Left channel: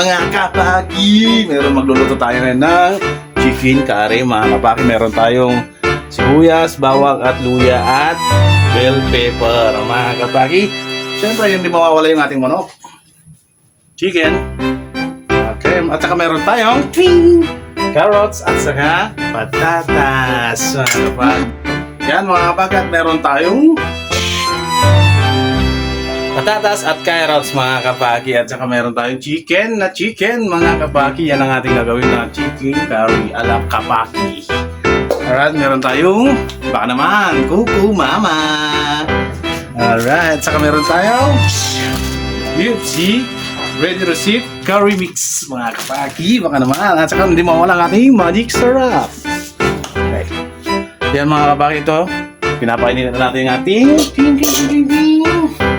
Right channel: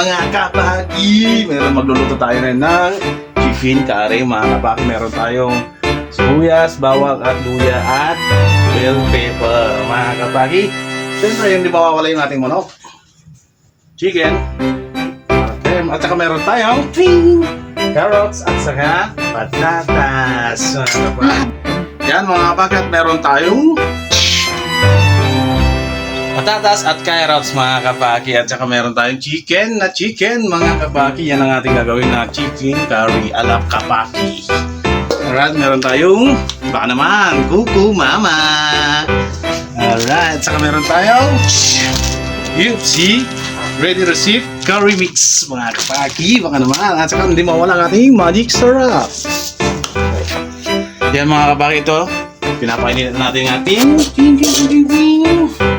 mga kapaki! Meron magluluto tayo ngayon ng chicken curry mga kapaki. Meron tayong sibuyas, bawang at luya at bell pepper mga kapaki. Siyempre yun di mawawala yung ating manok. Chicken. Okay. At saka meron tayong ting, carrots at saka patatas. Mga kapaki. Yan mga kapaki at meron tayong patatas at carrots mga kapaki at saka meron tayong chicken na chicken mga kapaki yan ang ating gagawin na chicken curry ala kapaki alright meron tayong baka naman kuku mama. Alright saka meron tayong UFC ready receipt curry mix mga kapaki baka naman. At saka hindi mawala ang ating magic syrup. Okay. yan mga kapaki ito. Pinapainitan natin ating ting ting ting ting ting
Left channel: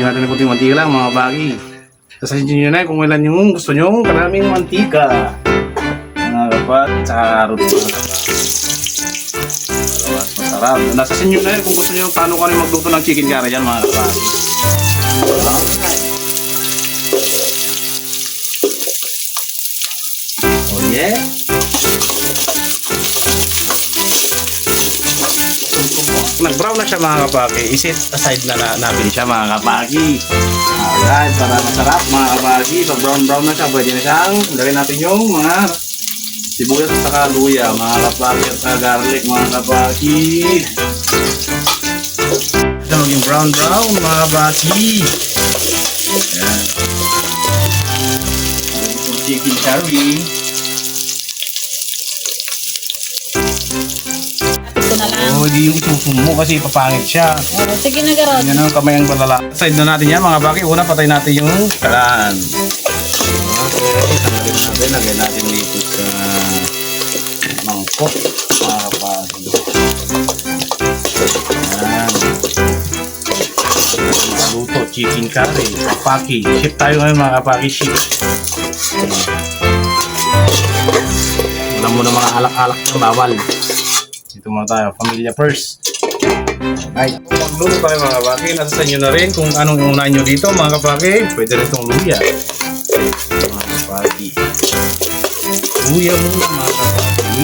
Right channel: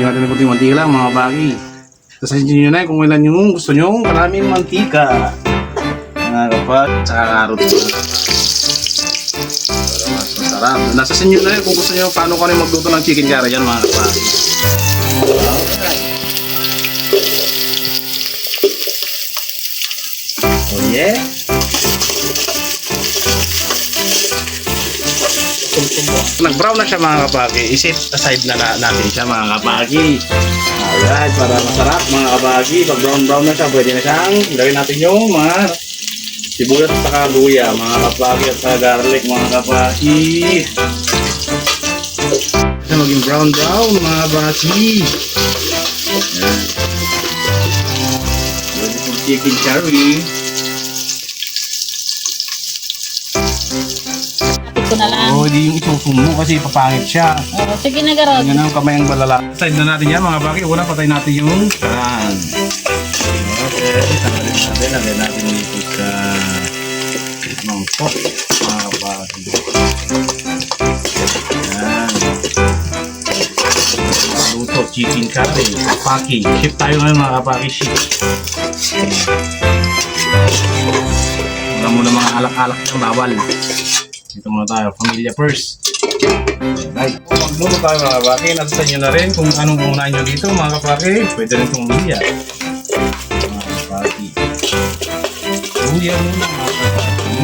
Lagyan natin ng kunting mantika lang, mga bagi. Sasahin nyo na kung ilan yung gusto nyo. Maraming mantika. Mga kapag, tsaka karot. Para mas masarap. Nasa sa inyo na yun kung gusto nyo paano ko rin magluto ng chicken curry yan, mga. Alright. Oh yeah. Nag-brown na siya mga kapaki. Isip aside na, na natin siya mga kapaki. Alright, para masarap mga kapaki. Pag brown-brown na siya, pwede na siyang gawin natin yung mga sibuyas at saka luya mga kapaki at saka garlic mga kapaki. Siya maging brown-brown mga kapaki. Chicken curry. Hindi yung isusum mo kasi papangit siya. Oh, sige na, Garot. Yan ang kamay ang balala. Side na natin yan mga baki. Una patay natin yung kalan. Okay, lagay natin dito sa mangkok. Luto, chicken curry, kapaki. Ship tayo ngayon mga kapaki. Ship. Alam mo na mga alak-alak bawal. Dito muna tayo, pamilya first. Right. Magluto tayo mga kapaki. Nasa sa inyo na rin kung anong unahin nyo dito mga kapaki. Pwede rin itong luya. Mga kapaki. Luya muna mga kapaki.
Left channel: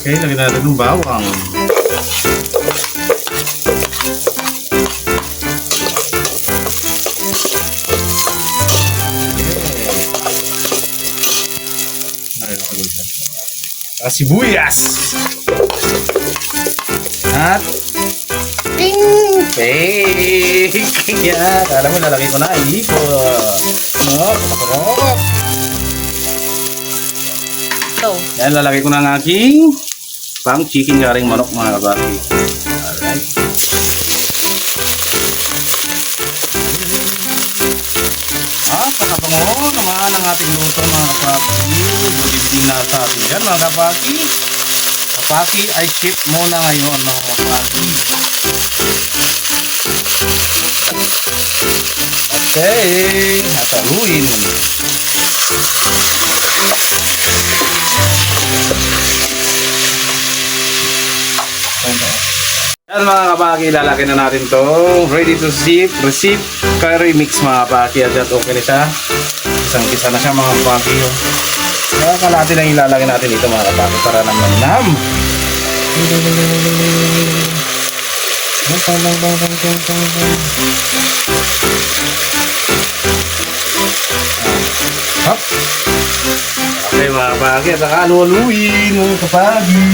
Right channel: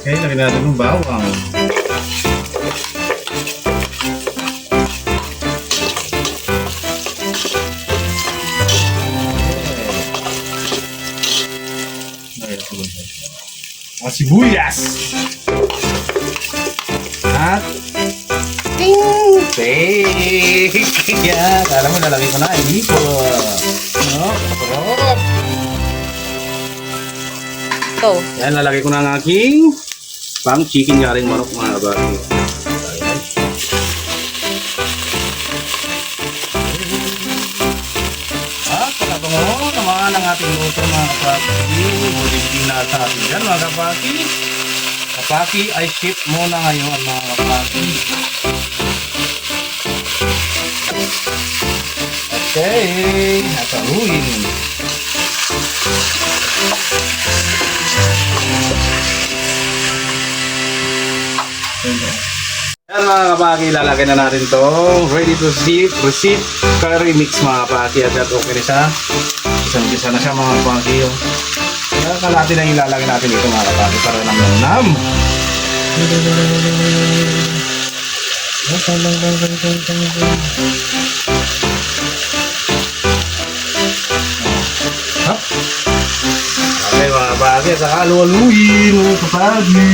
Okay, lagyan na natin ng bawang. Ah, sibuyas. At ting fake. Yan, alam mo nalagay ko na ipo. No, sarap. Go. Yan, lalagay ko na ang aking pang chicken garing manok mga kabaki. Oo oh, naman ang ating luto mga kapaki. Good evening mga sa atin dyan mga kapaki. Kapaki ay ship muna ngayon mga kapaki. Okay, nasa uwi. Yan mga kapaki, lalagyan na natin to ready to sip, receipt, curry mix mga kapaki at at okay na siya. Isang isa na siya mga kapaki. Kaya kalati lang ilalagay natin dito mga kapaki para naman nam. Hop. Okay mga kapaki, at saka luwaluin mga kapaki.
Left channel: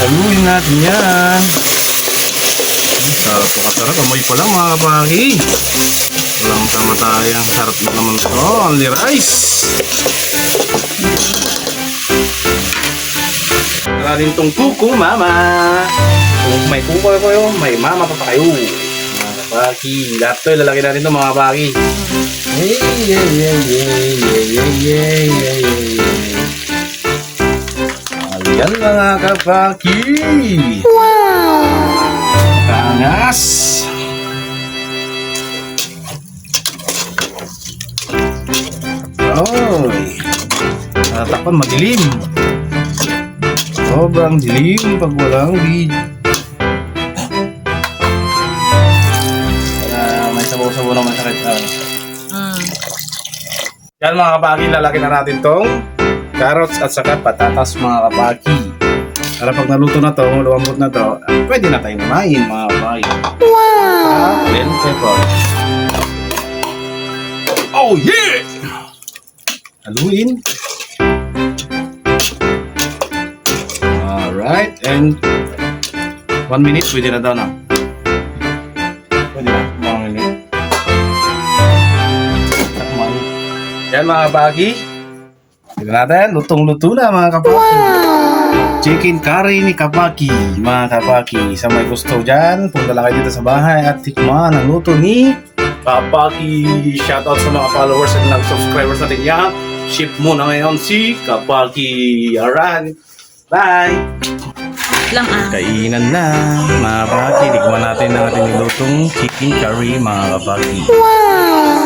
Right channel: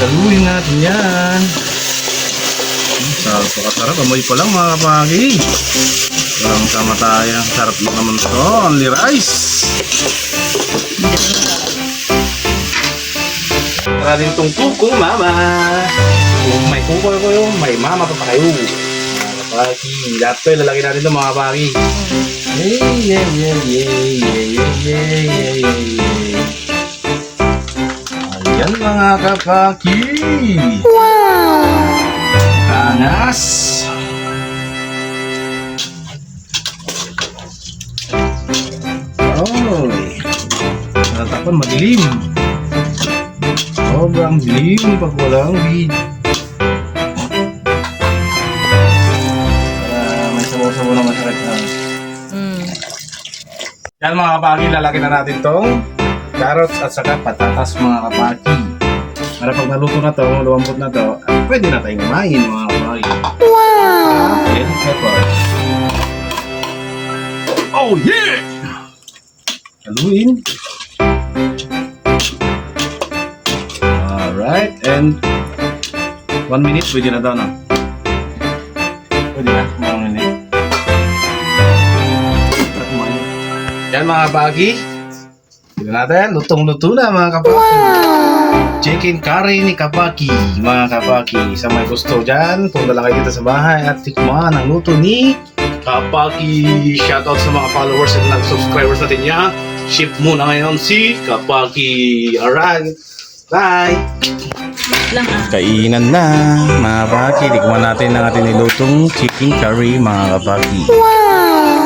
Saluin natin yan. Sarap ako sarap. Umay pa lang mga pagi. Ang kamatayang sarap na naman ito. Only rice. Galing tong kuko, mama. Kung may kuko kayo, may mama pa pa kayo. Mga pagi. Lahat ko ilalagay natin ito mga pagi. Yay, yay, yay, yay, yay, yay, yay, yay. Ayan mga kapaki! Wow! Tanas! Oy! Natapan madilim. Sobrang dilim pag walang weed. Para may sabaw-sabaw na masakit na. Mm. Yan mga kapaki, lalagyan na natin tong carrots at saka patatas mga kapaki. Para pag naluto na to, lumambot na to, ah, pwede na tayong kumain mga kapaki. Wow! Then, ito. Oh yeah! Haluin. Alright, and one minute, pwede na daw na. Pwede na, mga minute. Yan mga kabagi. Tignan natin, lutong-luto na mga kabaki. Chicken curry ni Kapaki, mga Kapaki. Sa may gusto dyan, punta lang kayo dito sa bahay at tikman ang luto ni Kapaki. Shoutout sa mga followers at mga subscribers natin niya. Ship muna ngayon si Kapaki. Alright, bye! Lang. Kainan na, mga kapaki. Tikman natin ang ating nilutong chicken curry, mga kapaki. Ayan,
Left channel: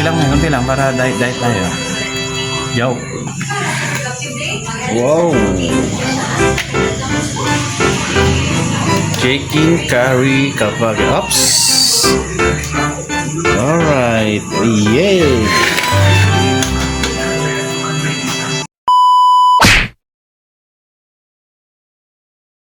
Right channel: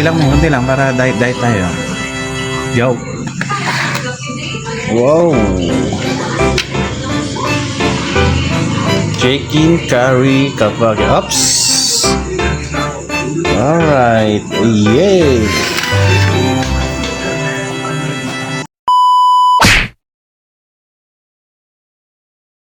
Kunti lang kunti lang para diet-diet tayo. Yo! Wow! Chicken curry kapag... Oops! Alright! Yay!